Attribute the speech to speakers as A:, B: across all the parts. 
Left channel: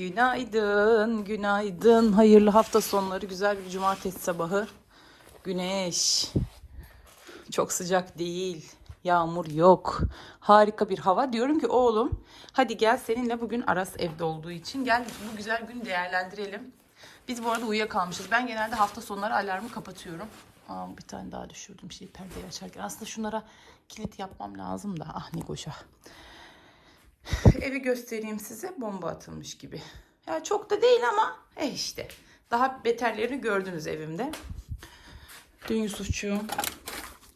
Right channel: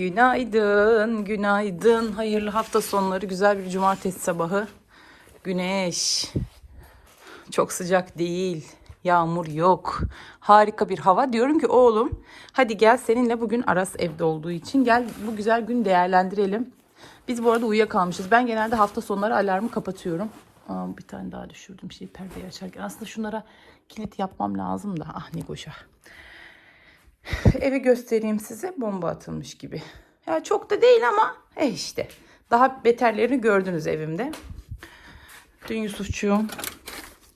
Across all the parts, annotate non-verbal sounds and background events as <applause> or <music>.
A: Günaydın, günaydın. Hayırlı hafta sonları, güzel bir cumartesi sabahı. Güneş. Çok sıcak değil. Yağmur yok. Harika bir hava. Diyorum ki oğlum hadi gel seninle bugün Aras evde olduğu için gel bu güzel gün değerlendirelim. Biz bu arada uyuyakalmışız. Ben genelde hafta sonları alarmı kapatıyorum. Aa, bir tane daha düşürdüm şey perdeyi açarken. Aslında şunlara kilit yapmam lazım da. Ah ne goşa. <laughs> Evi göstereyim size. Bomba atılmış gibi. Ya çok da değil ama e işte. Daha beterlerini gördünüz evimde. Dün Yusufçuğum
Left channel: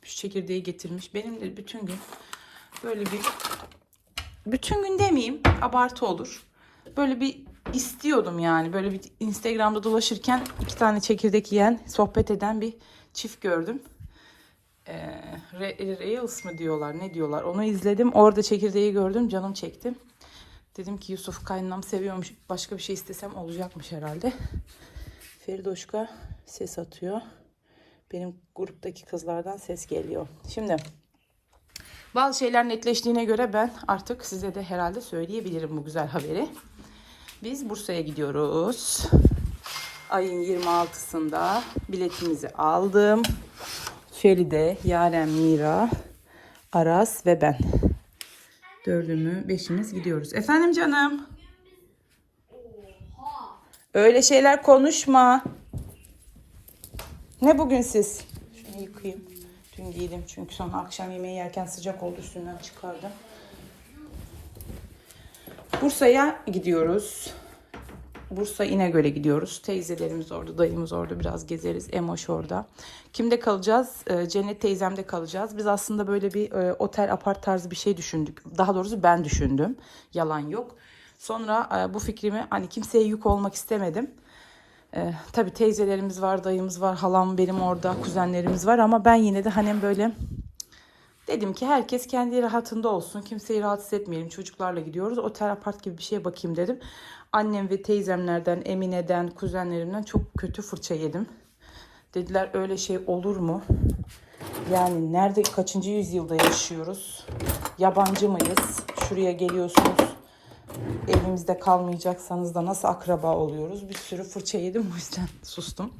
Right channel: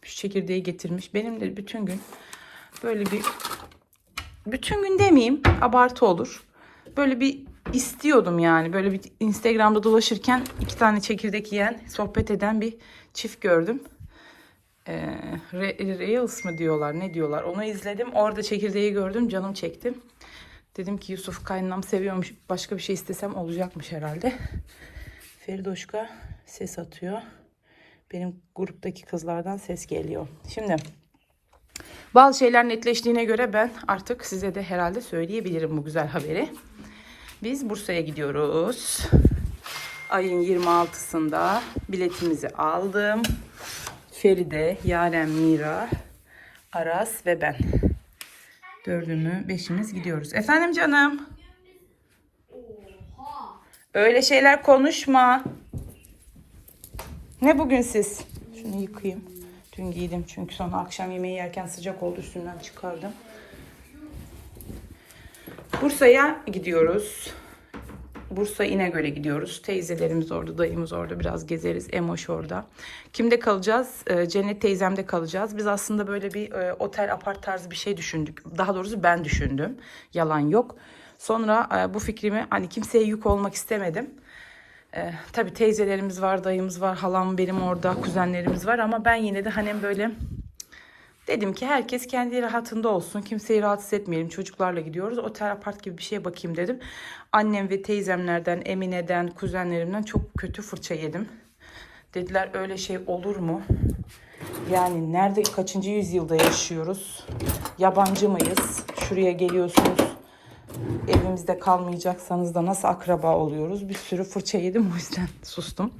A: şu çekirdeği getirmiş. Benim de bütün gün böyle bir bütün gün demeyeyim abartı olur. Böyle bir istiyordum yani. Böyle bir Instagram'da dolaşırken iki tane çekirdek yiyen, sohbet eden bir çift gördüm. Ee, Re- Reels mı diyorlar ne diyorlar onu izledim. Orada çekirdeği gördüm canım çekti. Dedim ki Yusuf kaynanam seviyormuş başka bir şey istesem olacakmış herhalde. Feridoşka ses atıyor. Benim gruptaki kızlardan ses geliyor. Şimdi bazı şeyler netleştiğine göre ben artık size de herhalde söyleyebilirim bu güzel haberi. Biz Bursa'ya gidiyoruz. Ayın 26'sında biletimizi aldım. Feride, Yaren, Mira, Aras ve ben. Dördümü, beşimiz gidiyoruz. Efendim canım? Öyle şeyler konuşma. Ne bugün siz? Şunu yıkayayım. Dün giydim çünkü sonra akşam yemeği yerken sıcak oldu üstünden çıkardım. Bursa'ya gidiyoruz. Bursa İnegöl'e gidiyoruz. Teyzelerimiz orada, dayımız orada. Biraz gezeriz. Emoş orada. Kimde kalacağız? Ee, Cennet teyzemde kalacağız. Biz aslında böyle bir e, otel apart tarzı bir şey düşündük. Daha doğrusu ben düşündüm. Yalan yok. Sonra e, bu fikrimi hani kimseye yük olmak istemedim. Ee, tabii teyzelerimiz var, dayımız var, halam benim orada, kuzenlerimiz var ama ben yine de hani böyle dedim ki herkes kendi rahatında olsun. Kimseyi rahatsız etmeyelim. Çocuklarla gidiyoruz. Otel apart gibi bir şeye bakayım dedim. Annem ve teyzemlerden, Emine'den, kuzenlerimden çok kötü fırça yedim. Dediler öyle şey olur mu? Yani nerede kaçıncı yüzyılda yaşıyoruz? Yabancı mıyız? Şuraya geliyorsunuz. Evimizde kalmayacaksanız da nasıl akraba oluyoruz? Bir sürü fırça yedim o yüzden <laughs> sustum.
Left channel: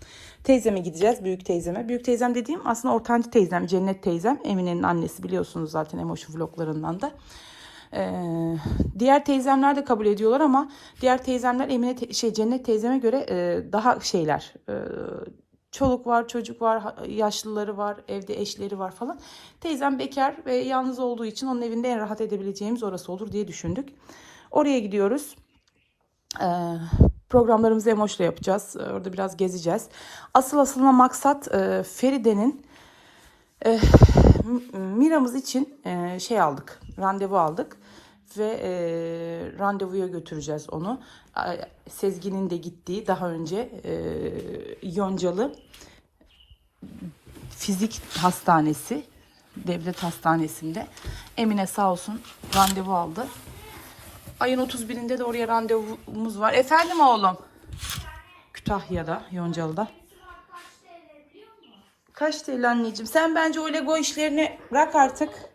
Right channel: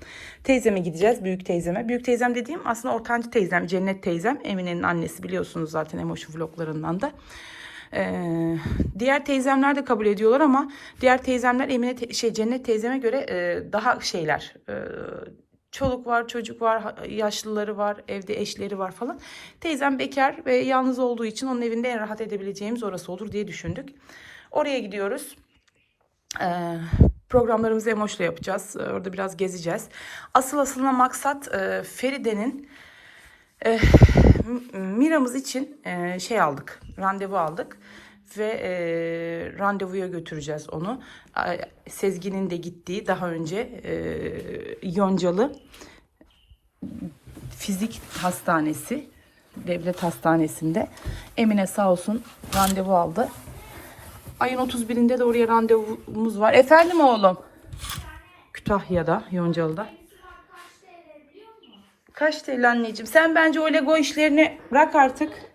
A: Teyzeme gideceğiz, büyük teyzeme. Büyük teyzem dediğim aslında ortancı teyzem, Cennet teyzem. Emine'nin annesi biliyorsunuz zaten Emotion vloglarından da. Ee, diğer teyzemler de kabul ediyorlar ama diğer teyzemler Emine te- şey Cennet teyzeme göre e, daha şeyler. e, çoluk var, çocuk var, yaşlıları var, evde eşleri var falan. Teyzem bekar ve yalnız olduğu için onun evinde en rahat edebileceğimiz orası olur diye düşündük. Oraya gidiyoruz. Ee, programlarımızı Emoş'la yapacağız. Orada biraz gezeceğiz. Asıl aslında maksat e, Feride'nin e, Mira'mız için e, şey aldık. Randevu aldık. Ve e, randevuya götüreceğiz onu. Sezgin'in de gittiği daha önce e, Yoncalı Fizik Hastanesi Devlet Hastanesi'nde Emine sağ olsun randevu aldı. Ayın 31'inde de oraya randevumuz var. Efendim oğlum? Kütahya'da, Yoncalı'da. Kaç TL anneciğim? Sen bence o Lego işlerini bırak artık.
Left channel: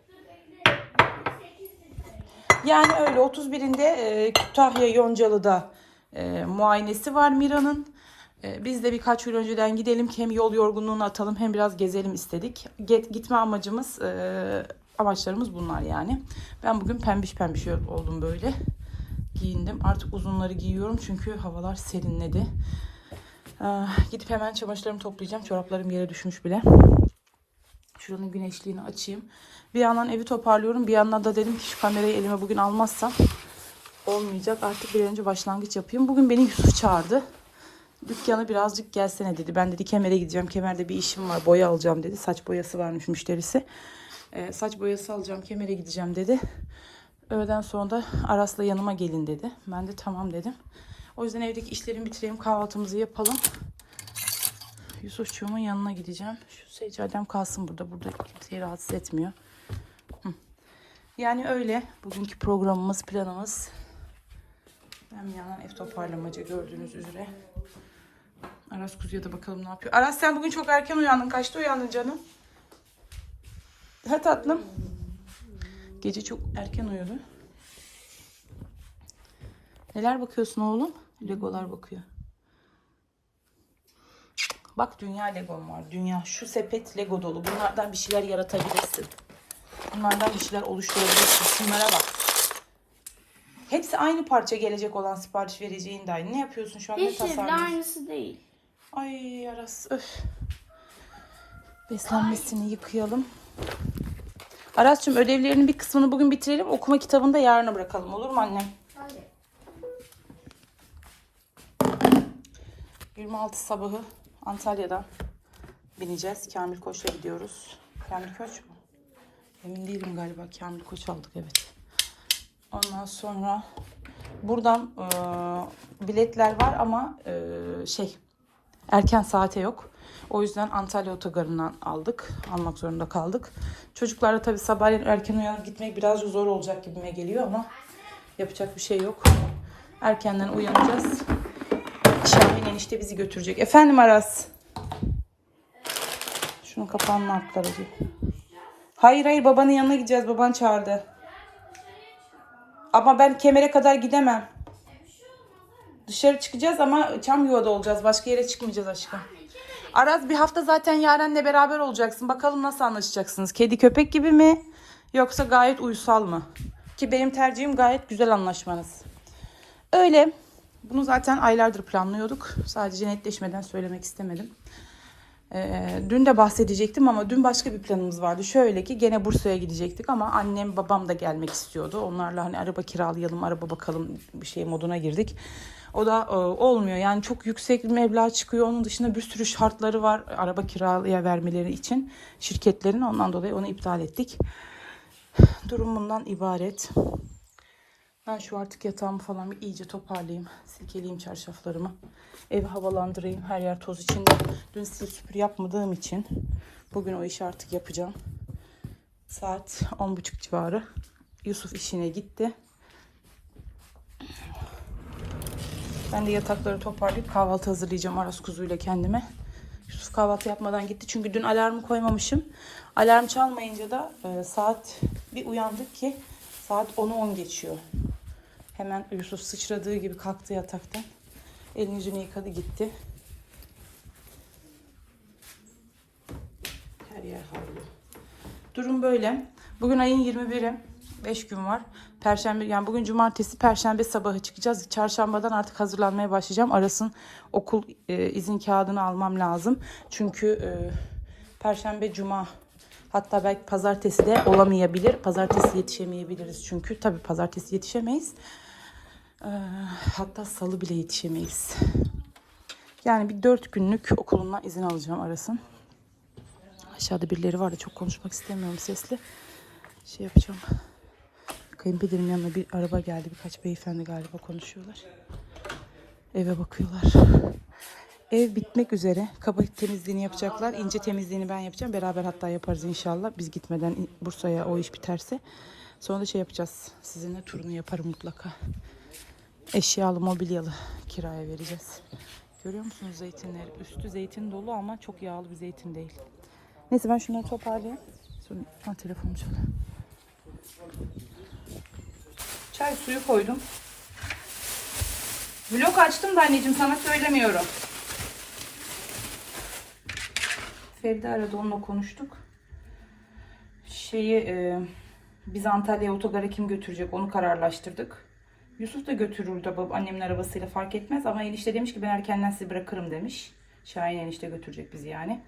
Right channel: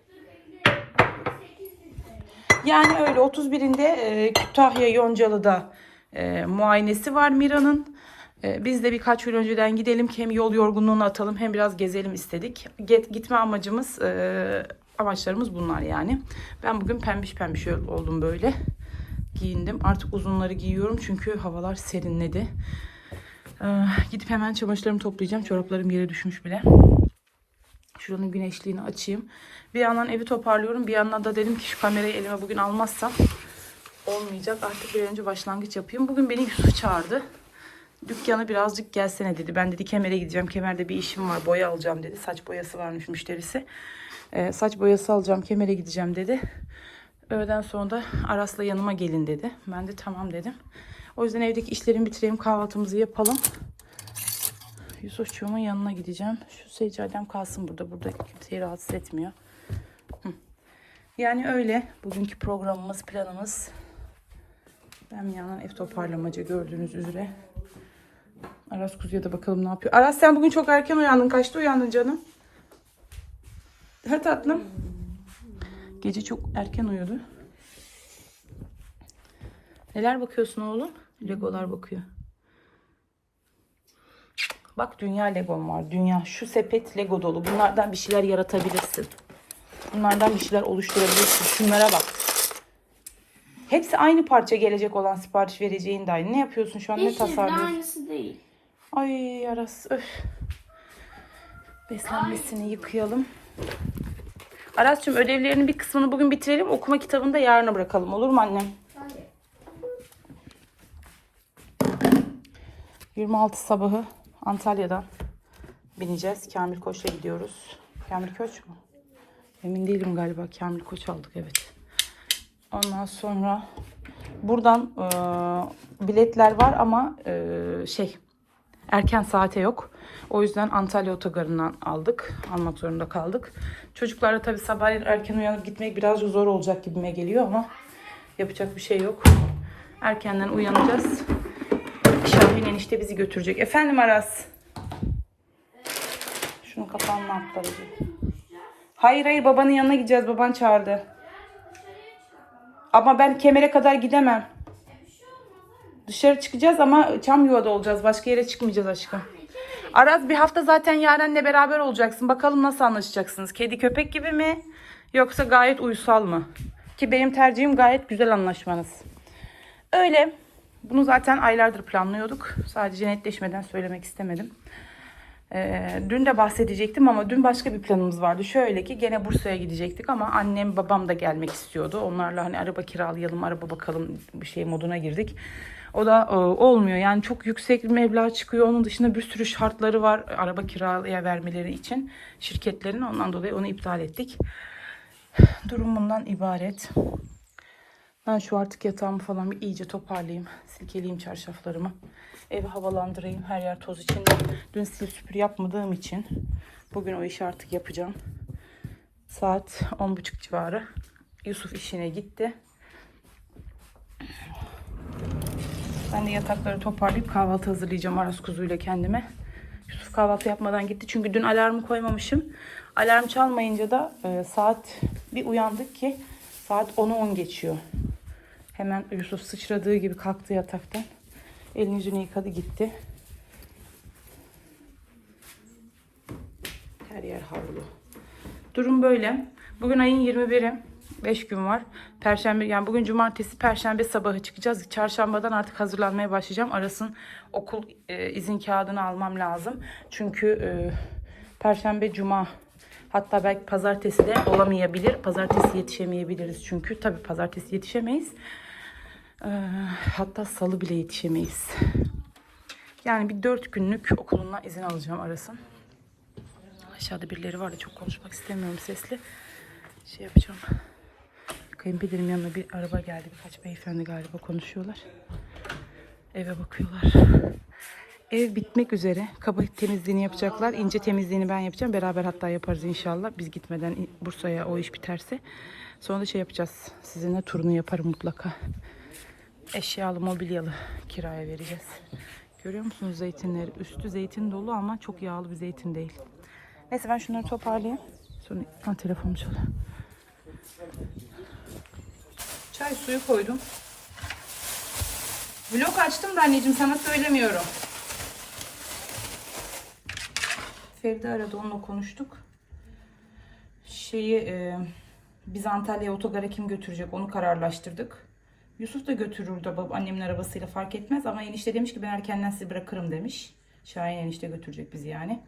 A: Yani öyle 31'inde e, Kütahya Yoncalı'da e, muayenesi var Mira'nın. E, biz de birkaç gün önceden gidelim ki hem yol yorgunluğunu atalım hem biraz gezelim istedik. Get, gitme amacımız, e, amaçlarımız bunlar yani. Ben bugün pembiş pembiş oldum böyle. Giyindim. Artık uzunları giyiyorum çünkü havalar serinledi. Ee, gidip hemen çamaşırlarımı toplayacağım. Çoraplarım yere düşmüş bile. Şuranın güneşliğini açayım. Bir yandan evi toparlıyorum. Bir yandan da dedim ki şu kamerayı elime bugün almazsam olmayacak. Artık bir önce başlangıç yapayım. Bugün beni Yusuf çağırdı. Dükkanı birazcık gelsene dedi. Ben dedi kemere gideceğim. Kemerde bir işim var. Boya alacağım dedi. Saç boyası varmış müşterisi. Ee, saç boyası alacağım. Kemere gideceğim dedi. Öğleden sonra da Aras'la yanıma gelin dedi. Ben de tamam dedim. O yüzden evdeki işlerimi bitireyim. Kahvaltımızı yapalım. Yusufçuğumun yanına gideceğim. Şu seccadem kalsın burada. Burada kimseyi rahatsız etmiyor. Yani öyle. Bugünkü programımız, planımız. Ben bir yandan ev toparlamacı gördüğünüz üzere. Aras kuzuya da bakalım ne yapıyor. Aras sen bugün çok erken uyandın. Kaçta uyandın canım? Ha tatlım. Gece çok erken uyudu. Neler bakıyorsun oğlum? Legolar bakıyor. Bak dünya Legom var. Dünya. Şu sepet Lego dolu. Bunlardan bir şeyler yaratabilirsin. Bunlardan bir şeyler oluşturabilirsin. Şunlara bak. Hepsi aynı parça gelecek olan sipariş vereceğin de aynı. Ne yapıyorsun şu an? Ne
B: Hiçbir de
A: tasarlıyorsun?
B: aynısı değil.
A: Ay Aras öf. Beslenmesini yıkayalım. Aras'cığım ödevlerinin bir kısmını bugün bitirelim. Okuma kitabını da yarına bırakalım. Olur mu annem? 26 sabahı Antalya'da bineceğiz. Kamil Koç'la gidiyoruz. Kamil Koç mu? Emin değilim galiba. Kamil Koç aldık evet. Ondan sonra buradan e, biletler var ama e, şey erken saate yok. O yüzden Antalya otogarından aldık. Almak zorunda kaldık. Çocuklarla tabii sabahleyin erken uyanıp gitmek biraz zor olacak gibime geliyor ama yapacak bir şey yok. Erkenden uyanacağız. Enişte bizi götürecek. Efendim Aras. Şunun kapağını yaptılar acaba? Hayır hayır babanın yanına gideceğiz. Baban çağırdı. Ama ben kemere kadar gidemem. Dışarı çıkacağız ama çam yuvada olacağız. Başka yere çıkmayacağız aşkım. Aras bir hafta zaten Yaren'le beraber olacaksın. Bakalım nasıl anlaşacaksınız? Kedi köpek gibi mi? Yoksa gayet uysal mı? Ki benim tercihim gayet güzel anlaşmanız. Öyle. Bunu zaten aylardır planlıyorduk. Sadece netleşmeden söylemek istemedim. Ee, dün de bahsedecektim ama dün başka bir planımız vardı. Şöyle ki gene Bursa'ya gidecektik ama annem babam da gelmek istiyordu. Onlarla hani araba kiralayalım, araba bakalım bir şey moduna girdik. O da e, olmuyor. Yani çok yüksek bir meblağ çıkıyor. Onun dışında bir sürü şartları var araba kiraya vermeleri için şirketlerin. Ondan dolayı onu iptal ettik. Durum bundan ibaret. Ben şu artık yatağımı falan bir iyice toparlayayım. Silkeleyeyim çarşaflarımı. Evi havalandırayım. Her yer toz içinde. Dün sil süpür yapmadığım için bugün o işi artık yapacağım. Saat 10.30 civarı. Yusuf işine gitti. Ben de yatakları toparlayıp kahvaltı hazırlayacağım Aras kuzuyla kendime. Yusuf kahvaltı yapmadan gitti. Çünkü dün alarmı koymamışım. Alarm çalmayınca da e, saat bir uyandık ki saat 10'u 10 geçiyor. Hemen Yusuf sıçradığı gibi kalktı yataktan. Elini yüzünü yıkadı gitti. Her yer havlu. Durum böyle. Bugün ayın 21'i. 5 gün var. Perşembe yani bugün cumartesi perşembe sabahı çıkacağız. Çarşambadan artık hazırlanmaya başlayacağım. Aras'ın okul e, izin kağıdını almam lazım. Çünkü e, perşembe cuma hatta belki pazartesi de olamayabilir. Pazartesi yetişemeyebiliriz çünkü. Tabii pazartesi yetişemeyiz. E, hatta salı bile yetişemeyiz. Yani bir dört günlük okulundan izin alacağım Aras'ın. Aşağıda birileri var da çok konuşmak istemiyorum sesli. Şey yapacağım. Kayınpederim yanına bir araba geldi. Birkaç beyefendi galiba konuşuyorlar. Eve bakıyorlar. Ev bitmek üzere. Kaba temizliğini yapacaklar. İnce temizliğini ben yapacağım. Beraber hatta yaparız inşallah. Biz gitmeden Bursa'ya o iş biterse. Sonra da şey yapacağız. Sizinle turunu yaparım mutlaka. Eşyalı, mobilyalı kiraya vereceğiz. Görüyor musunuz zeytinleri? Üstü zeytin dolu ama çok yağlı bir zeytin değil. Neyse ben şunları toparlayayım. Sonra ha, telefonum çalıyor. Çay suyu koydum. Vlog açtım da anneciğim sana söylemiyorum. Feride aradı onunla konuştuk. Şeyi e, biz Antalya'ya otogara kim götürecek onu kararlaştırdık. Yusuf da götürür de bab- annemin arabasıyla fark etmez ama enişte demiş ki ben erkenden sizi bırakırım demiş. Şahin enişte götürecek bizi yani.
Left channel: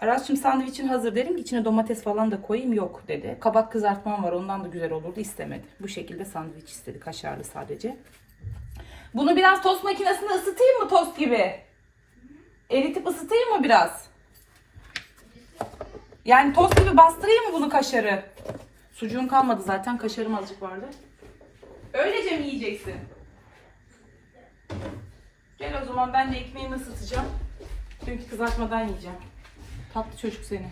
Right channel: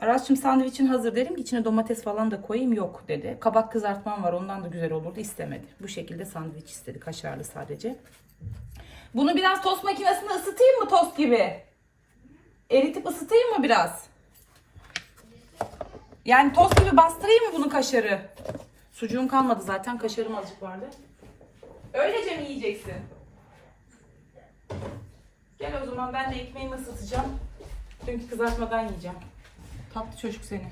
A: Aras'cığım sandviçin hazır dedim ki içine domates falan da koyayım yok dedi. Kabak kızartmam var ondan da güzel olurdu istemedi. Bu şekilde sandviç istedi kaşarlı sadece. Bunu biraz tost makinesinde ısıtayım mı tost gibi? Eritip ısıtayım mı biraz? Yani tost gibi bastırayım mı bunu kaşarı? Sucuğum kalmadı zaten kaşarım azıcık vardı. Öylece mi yiyeceksin? Gel o zaman ben de ekmeğimi ısıtacağım. Çünkü kızartmadan yiyeceğim. Tatlı çocuk seni.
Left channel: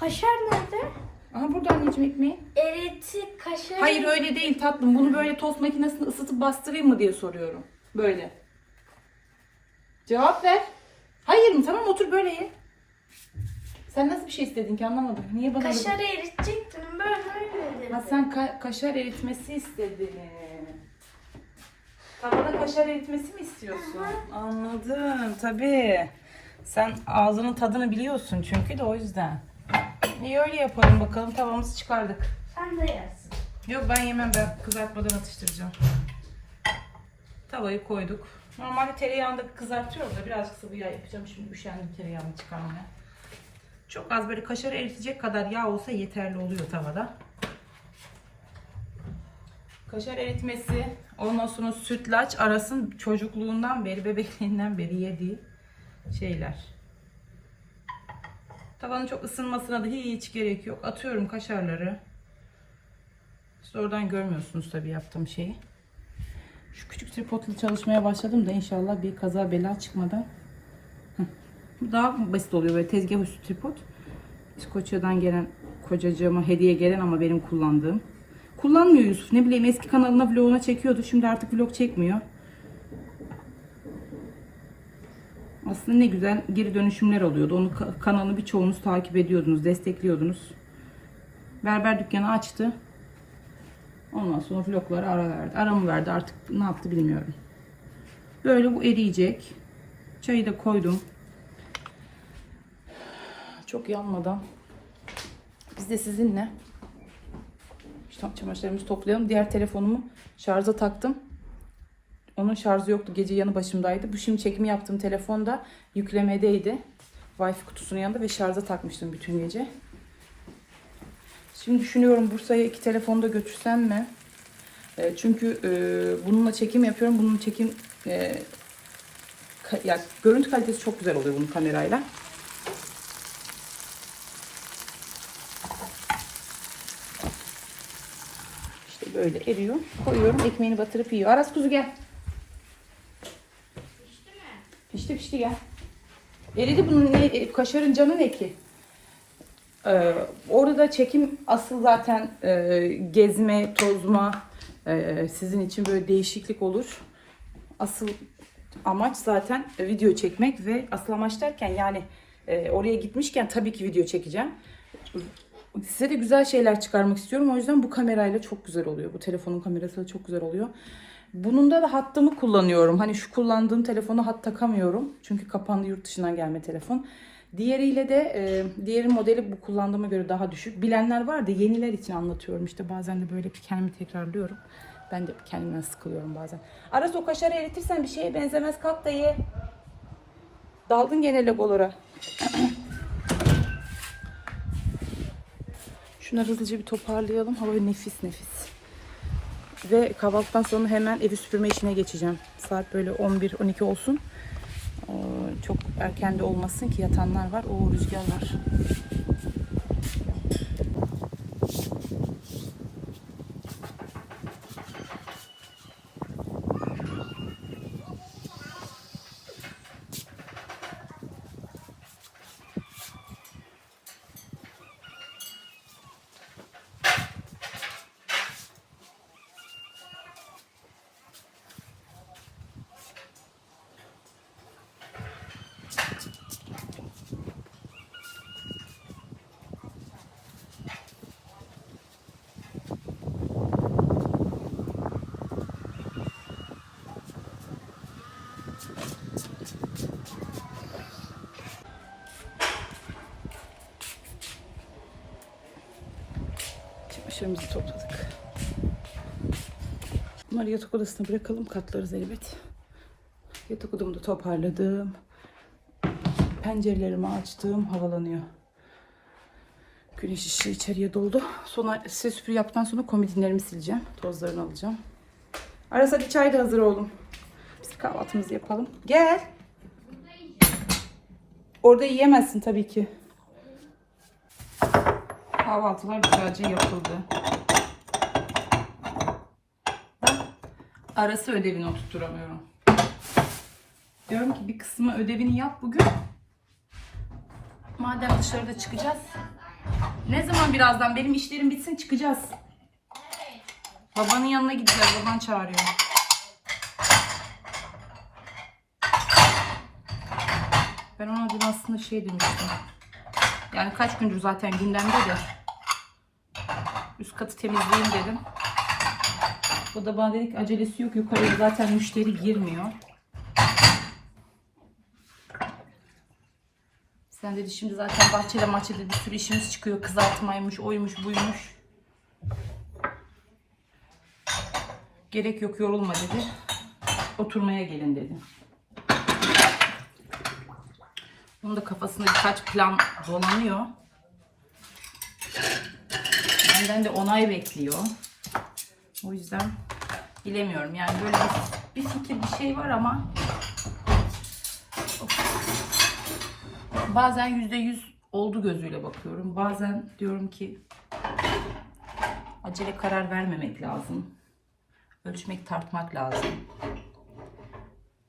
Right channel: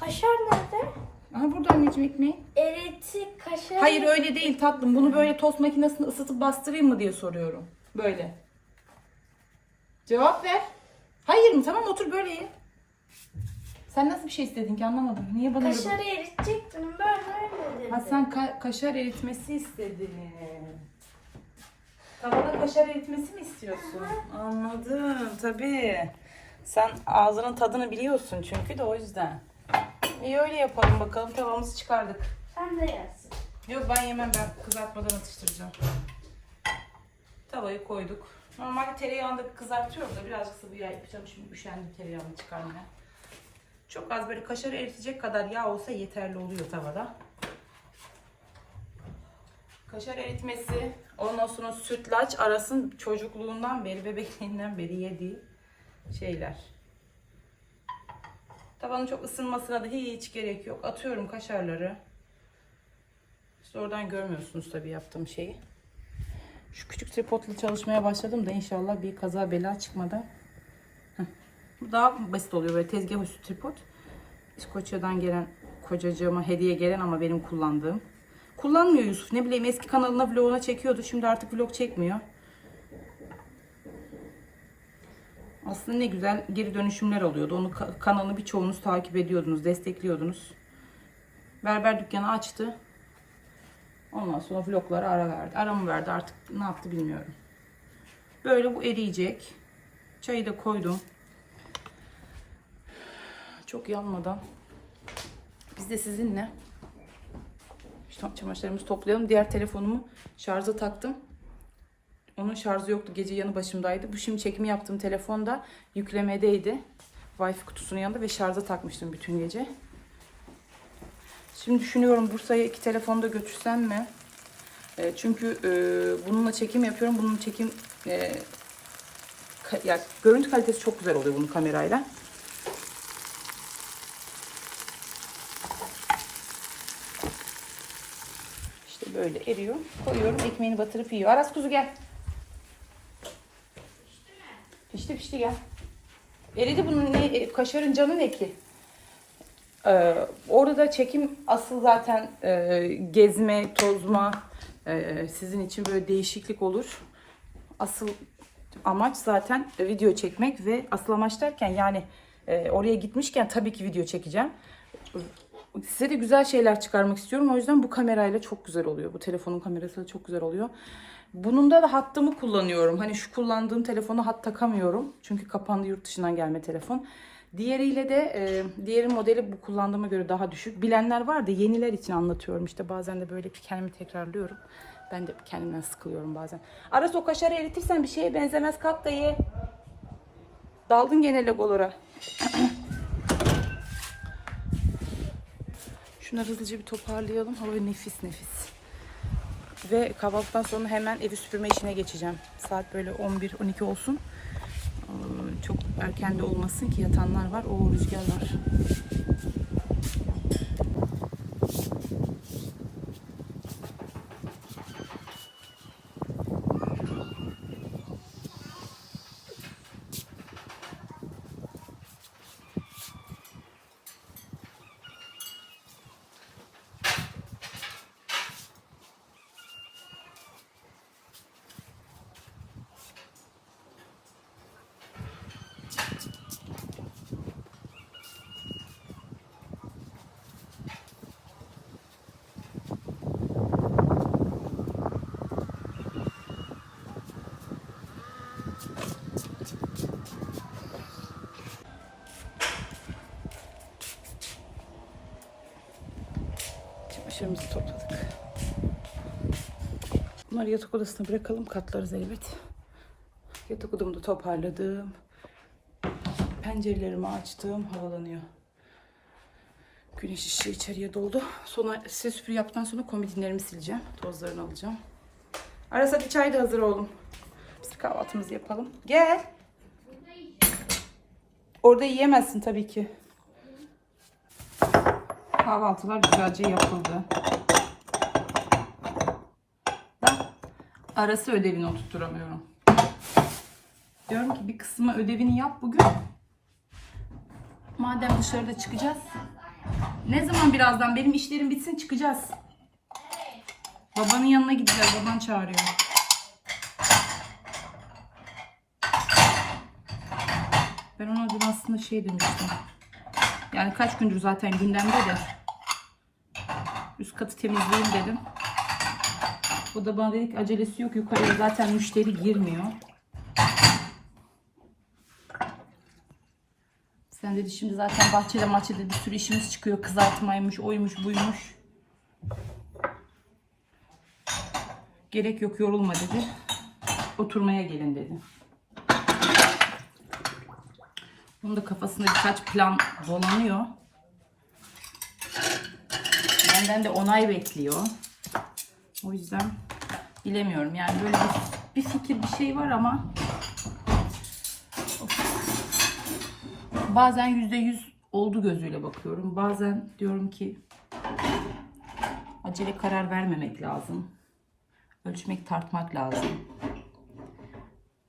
B: Kaşar nerede?
A: Aha burada anneciğim ekmeği.
B: Eriti kaşar.
A: Hayır öyle değil tatlım. Bunu böyle tost makinesinde ısıtıp bastırayım mı diye soruyorum. Böyle. Cevap ver. Hayır mı? Tamam otur böyle ye. Sen nasıl bir şey istedin ki anlamadım. Niye bana
B: Kaşarı eritecektin böyle öyle
A: Ha sen ka- kaşar eritmesi istedin. Tavada kaşar eritmesi mi istiyorsun? Anladım tabii. Sen ağzının tadını biliyorsun çünkü de o yüzden. İyi öyle yapalım bakalım tavamızı çıkardık.
B: Sen de yaz.
A: Yok ben yemem ben kızartmadan atıştıracağım. Tavayı koyduk. Normalde tereyağında kızartıyoruz da birazcık sıvı yağ yapacağım. Şimdi üşendim tereyağını çıkarmaya. Çok az böyle kaşar eritecek kadar yağ olsa yeterli oluyor tavada. Kaşar eritmesi, ondan sonra sütlaç arasın çocukluğundan beri, bebekliğinden beri yediği şeyler. Tavanın çok ısınmasına da hiç gerek yok. Atıyorum kaşarları. Siz oradan görmüyorsunuz tabii yaptığım şeyi. Şu küçük tripodla çalışmaya başladım da inşallah bir kaza bela çıkmadan. Heh. Daha basit oluyor böyle tezgah üstü tripod. İskoçya'dan gelen kocacığıma hediye gelen ama benim kullandığım. Kullanmıyor Yusuf. Ne bileyim eski kanalına vloguna çekiyordu. Şimdi artık vlog çekmiyor. Aslında ne güzel geri dönüşümler oluyordu. Onu ka- kanalını birçoğunuz takip ediyordunuz, destekliyordunuz. Berber dükkanı açtı. Ondan sonra vloglara ara verdi. Ara mı verdi artık ne yaptı bilmiyorum. Böyle bu eriyecek. Çayı da koydum. Çok yanmadan. Biz de sizinle çamaşırlarımızı toplayalım. Diğer telefonumu şarja taktım. Onun şarjı yoktu. Gece yanı başımdaydı. Bu şimdi çekimi yaptığım telefon da yüklemedeydi. Wi-Fi kutusunun yanında ve şarja takmıştım bütün gece. Şimdi düşünüyorum Bursa'ya iki telefonu da götürsem mi? E, çünkü e, bununla çekim yapıyorum. Bunun çekim e, ya, görüntü kalitesi çok güzel oluyor bunun kamerayla. Böyle eriyor. Koyuyorum. Ekmeğini batırıp yiyor. Aras kuzu gel. Pişti pişti gel. Eridi bunun ne, e, kaşarın canı ne ki? Ee, orada çekim asıl zaten e, gezme, tozma e, sizin için böyle değişiklik olur. Asıl amaç zaten video çekmek ve asıl amaç derken yani e, oraya gitmişken tabii ki video çekeceğim. Size de güzel şeyler çıkarmak istiyorum. O yüzden bu kamerayla çok güzel oluyor. Bu telefonun kamerası çok güzel oluyor. Bununda da hattımı kullanıyorum. Hani şu kullandığım telefonu hat takamıyorum. Çünkü kapandı yurt dışından gelme telefon. Diğeriyle de e, diğeri modeli bu kullandığıma göre daha düşük. Bilenler var da yeniler için anlatıyorum. İşte bazen de böyle kendimi tekrarlıyorum. Ben de kendimden sıkılıyorum bazen. Aras o kaşarı eritirsen bir şeye benzemez. Kalk da ye. Daldın gene legolara. <clears throat> Şunları hızlıca bir toparlayalım. Hava nefis nefis. Ve kahvaltıdan sonra hemen evi süpürme işine geçeceğim. Saat böyle 11-12 olsun. Çok erken de olmasın ki yatanlar var. O rüzgar var. Aşırımızı topladık. Bunları yatak odasına bırakalım. Katlarız elbet. Yatak odamı da toparladım. Pencerelerimi açtım. Havalanıyor. Güneş ışığı içeriye doldu. Sonra size süpür yaptıktan sonra komodinlerimi sileceğim. Tozlarını alacağım. Aras hadi çay da hazır oğlum. Biz kahvaltımızı yapalım. Gel. Orada yiyemezsin tabii ki. Kahvaltılar güzelce yapıldı. Arası ödevini oturtturamıyorum. Diyorum ki bir kısmı ödevini yap bugün. Madem dışarıda çıkacağız. Ne zaman birazdan benim işlerim bitsin çıkacağız. Babanın yanına gideceğiz. Baban çağırıyor. Ben ona dün aslında şey demiştim. Yani kaç gündür zaten gündemde de. Üst katı temizleyin dedim. O da bana dedi ki acelesi yok yukarıya zaten müşteri girmiyor. Sen dedi şimdi zaten bahçede maçede bir sürü işimiz çıkıyor. Kızartmaymış, oymuş, buymuş. Gerek yok yorulma dedi. Oturmaya gelin dedi. Onun da kafasında birkaç plan dolanıyor. Benden de onay bekliyor. O yüzden bilemiyorum. Yani böyle bir, bir fikir bir şey var ama bazen yüzde yüz oldu gözüyle bakıyorum. Bazen diyorum ki acele karar vermemek lazım. Ölçmek tartmak lazım.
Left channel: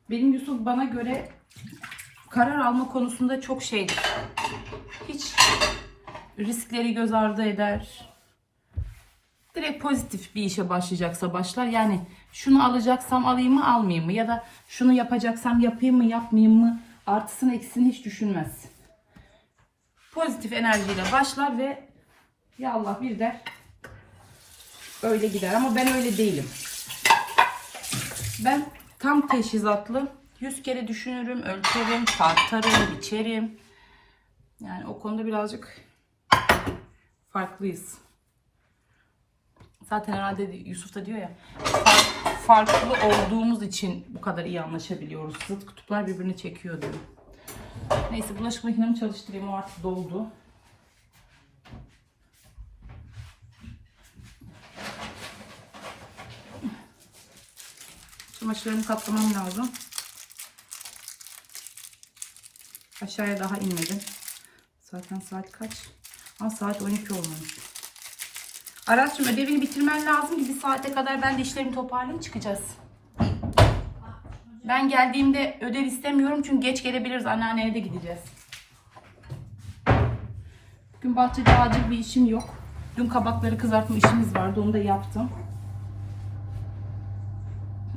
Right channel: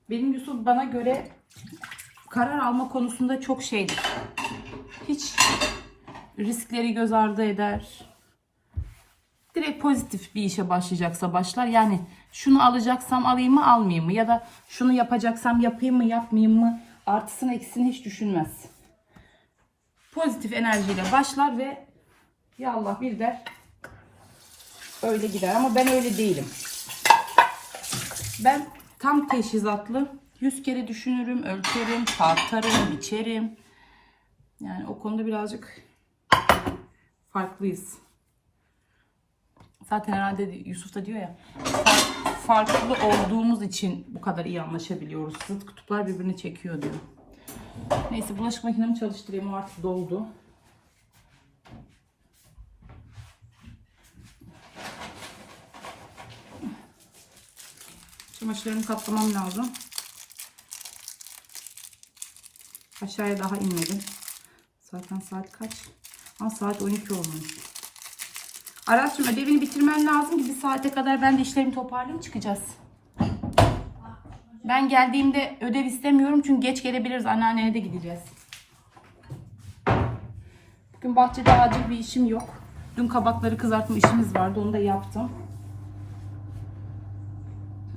A: Benim Yusuf bana göre karar alma konusunda çok şey hiç riskleri göz ardı eder. Direkt pozitif bir işe başlayacaksa başlar. Yani şunu alacaksam alayım mı almayayım mı? Ya da şunu yapacaksam yapayım mı yapmayayım mı? Artısını eksisini hiç düşünmez. Pozitif enerjiyle başlar ve ya Allah bir der öyle gider. Ama ben öyle değilim. Ben tam teşhizatlı 100 kere düşünürüm, ölçerim, tartarım, biçerim. Yani o konuda birazcık farklıyız. Zaten herhalde Yusuf da diyor ya fa- farklı olduğumuz için bu kadar iyi anlaşabiliyoruz. Zıt kutuplar birbirini çekiyor diyor. Neyse bulaşık makinemi çalıştırayım. O artık doldu. Çamaşırlarımı katlamam lazım. Aşağıya daha inmedim. Zaten saat kaç? Ama saat 12 olmuş. Arat'cığım ödevini bitirmen lazım ki bir saate kadar ben de işlerimi toparlayayım çıkacağız. Ben geldiğimde ödev istemiyorum çünkü geç gelebiliriz. Anneanneye de gideceğiz. Bugün bahçede acil bir işim yok. Dün kabakları kızartma işimiz vardı. Onu da yaptım.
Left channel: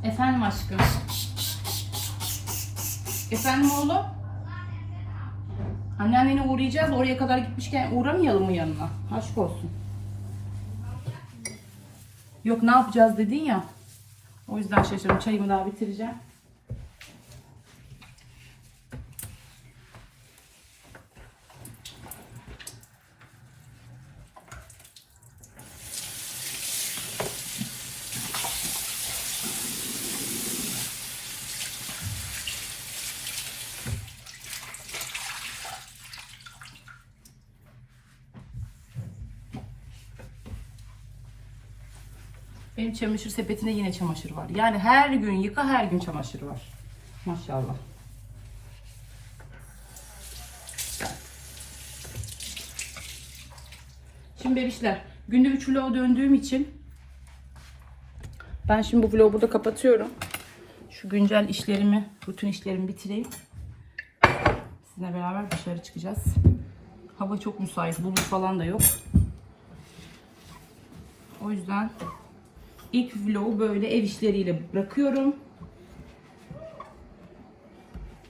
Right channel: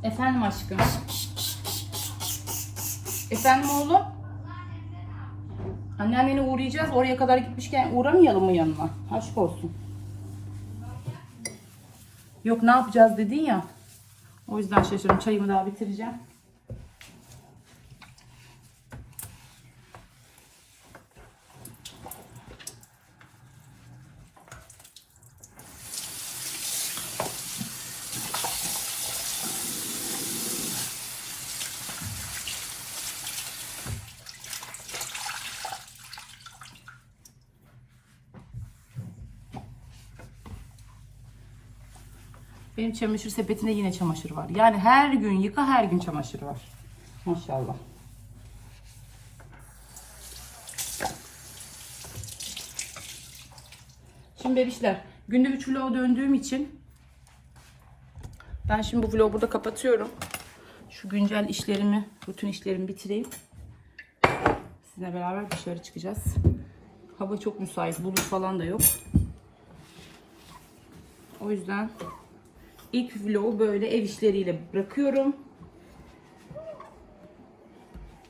A: Efendim aşkım. Efendim oğlum. Anneannene uğrayacağız. Oraya kadar gitmişken uğramayalım mı yanına? Aşk olsun. Yok ne yapacağız dedin ya. O yüzden şaşırdım. Çayımı daha bitireceğim. Benim çamaşır sepetinde yine çamaşır var. Yani her gün yıka her gün çamaşır var. Maşallah. Şimdi bebişler günde 3 vloga döndüğüm için ben şimdi bu vlogu burada kapatıyorum. Şu güncel işlerimi, rutin işlerimi bitireyim. Sizinle beraber dışarı çıkacağız. Hava çok müsait, bulut falan da yok. O yüzden ilk vlogu böyle ev işleriyle bırakıyorum.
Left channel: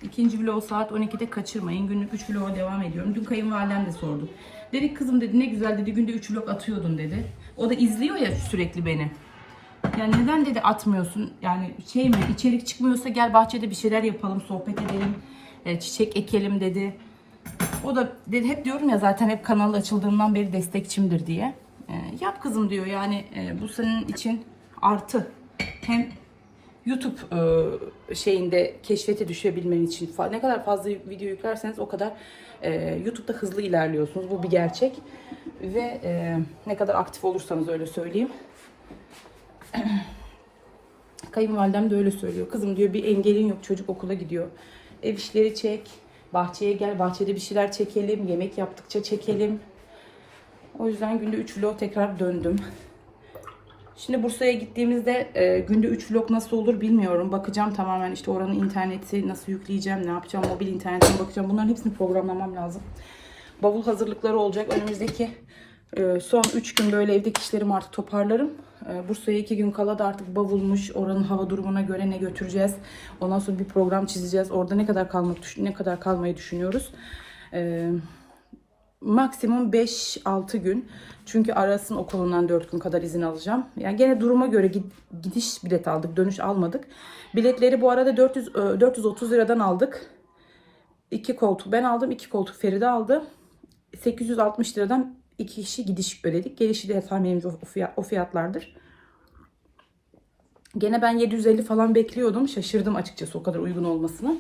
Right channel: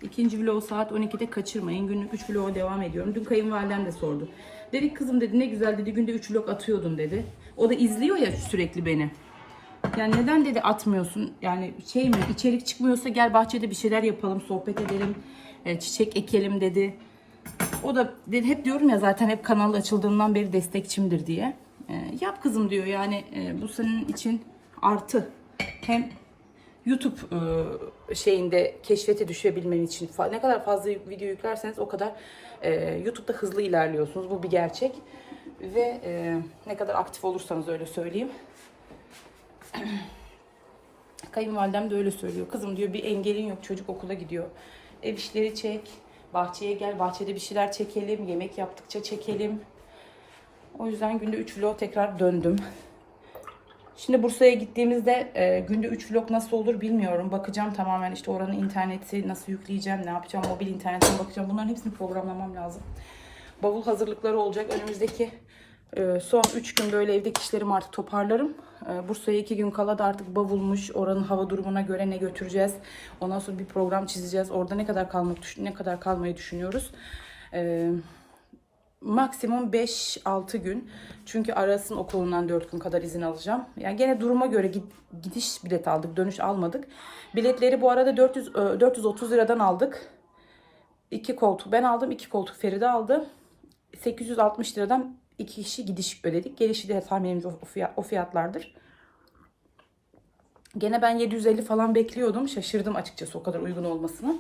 A: İkinci vlog saat 12'de kaçırmayın. Günlük 3 vloga devam ediyorum. Dün kayınvalidem de sordu. Dedi kızım dedi ne güzel dedi günde 3 vlog atıyordun dedi. O da izliyor ya sürekli beni. Yani neden dedi atmıyorsun? Yani şey mi içerik çıkmıyorsa gel bahçede bir şeyler yapalım, sohbet edelim, e, çiçek ekelim dedi. O da dedi hep diyorum ya zaten hep kanal açıldığından beri destekçimdir diye. E, yap kızım diyor yani e, bu senin için artı. Hem YouTube e, şeyinde keşfete düşebilmen için ne kadar fazla video yüklerseniz o kadar e, YouTube'da hızlı ilerliyorsunuz. Bu bir gerçek. Ve e, ne kadar aktif olursanız öyle söyleyeyim. <clears throat> Kayınvalidem de öyle söylüyor. Kızım diyor bir engelin yok çocuk okula gidiyor. Ev işleri çek. Bahçeye gel. Bahçede bir şeyler çekelim. Yemek yaptıkça çekelim. O yüzden günde 3 vlog tekrar döndüm. Şimdi Bursa'ya gittiğimizde e, günde 3 vlog nasıl olur bilmiyorum. Bakacağım tamamen işte oranın interneti nasıl yükleyeceğim, ne yapacağım, mobil internetine bakacağım. Bunların hepsini programlamam lazım. Bavul hazırlıkları olacak. Önümüzdeki e, son 3 gün böyle evdeki işlerimi artık toparlarım. E, Bursa'ya 2 gün kala da artık bavulmuş. Oranın hava durumuna göre ne götüreceğiz. Ondan sonra bir program çizeceğiz. Orada ne kadar kalmak ne kadar kalmayı düşünüyoruz. E, maksimum 5-6 gün. Çünkü Aras'ın okulundan 4 gün kadar izin alacağım. Yani gene duruma göre gid- gidiş bilet aldık, dönüş almadık. Biletleri bu arada 400 e, 430 liradan aldık. İki koltuk ben aldım, iki koltuk Feride aldı. 860 liradan iki kişi gidiş ödedik. Gelişi de tahminimce o fiyatlardır. Gene ben 750 falan bekliyordum. Şaşırdım açıkçası o kadar uygun olmasını.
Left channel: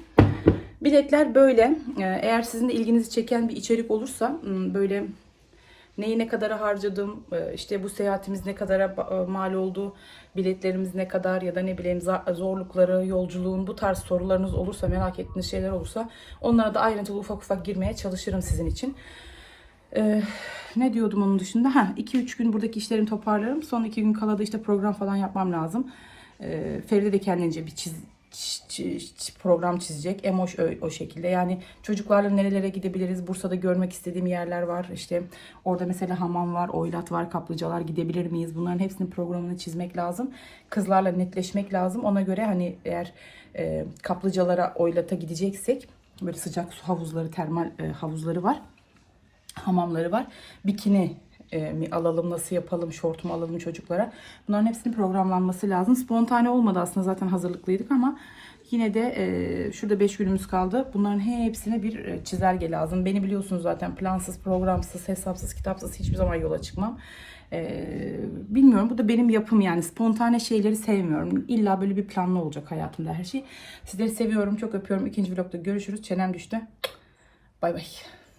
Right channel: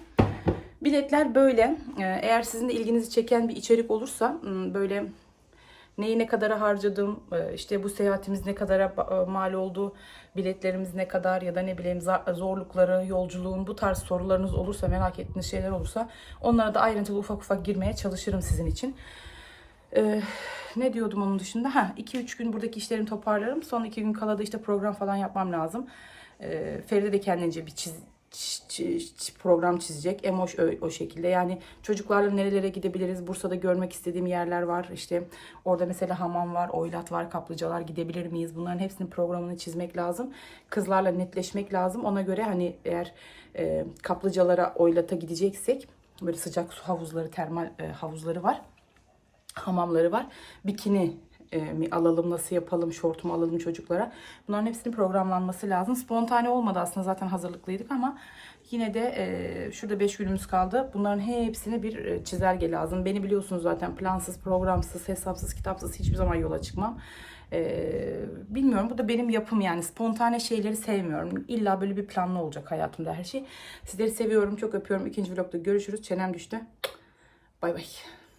A: Biletler böyle. Ee, Eğer sizin de ilginizi çeken bir içerik olursa m, böyle neyi ne kadara harcadım, e, işte bu seyahatimiz ne kadara e, mal oldu, biletlerimiz ne kadar ya da ne bileyim zorlukları, yolculuğun bu tarz sorularınız olursa, merak ettiğiniz şeyler olursa onlara da ayrıntılı ufak ufak girmeye çalışırım sizin için. Ee, ne diyordum onun dışında? Ha, 2-3 gün buradaki işlerimi toparlarım. Son 2 gün kala da işte program falan yapmam lazım. Ee, Feride de kendince bir çiz- program çizecek. Emoş o, o şekilde. Yani çocuklarla nerelere gidebiliriz? Bursa'da görmek istediğim yerler var. İşte orada mesela hamam var, oylat var, kaplıcalar gidebilir miyiz? Bunların hepsinin programını çizmek lazım. Kızlarla netleşmek lazım. Ona göre hani eğer e, kaplıcalara, oylata gideceksek böyle sıcak su havuzları, termal e, havuzları var hamamları var. Bikini e, mi alalım, nasıl yapalım, şort mu alalım çocuklara. Bunların hepsinin programlanması lazım. Spontane olmadı aslında zaten hazırlıklıydık ama yine de e, şurada 5 günümüz kaldı. Bunların hepsine bir e, çizelge lazım. Beni biliyorsunuz zaten plansız, programsız, hesapsız, kitapsız hiçbir zaman yola çıkmam. E, bilmiyorum bu da benim yapım yani spontane şeyleri sevmiyorum. İlla böyle bir planlı olacak hayatımda her şey. Sizleri seviyorum, çok öpüyorum. İkinci vlogda görüşürüz. Çenem düştü. Bay bay.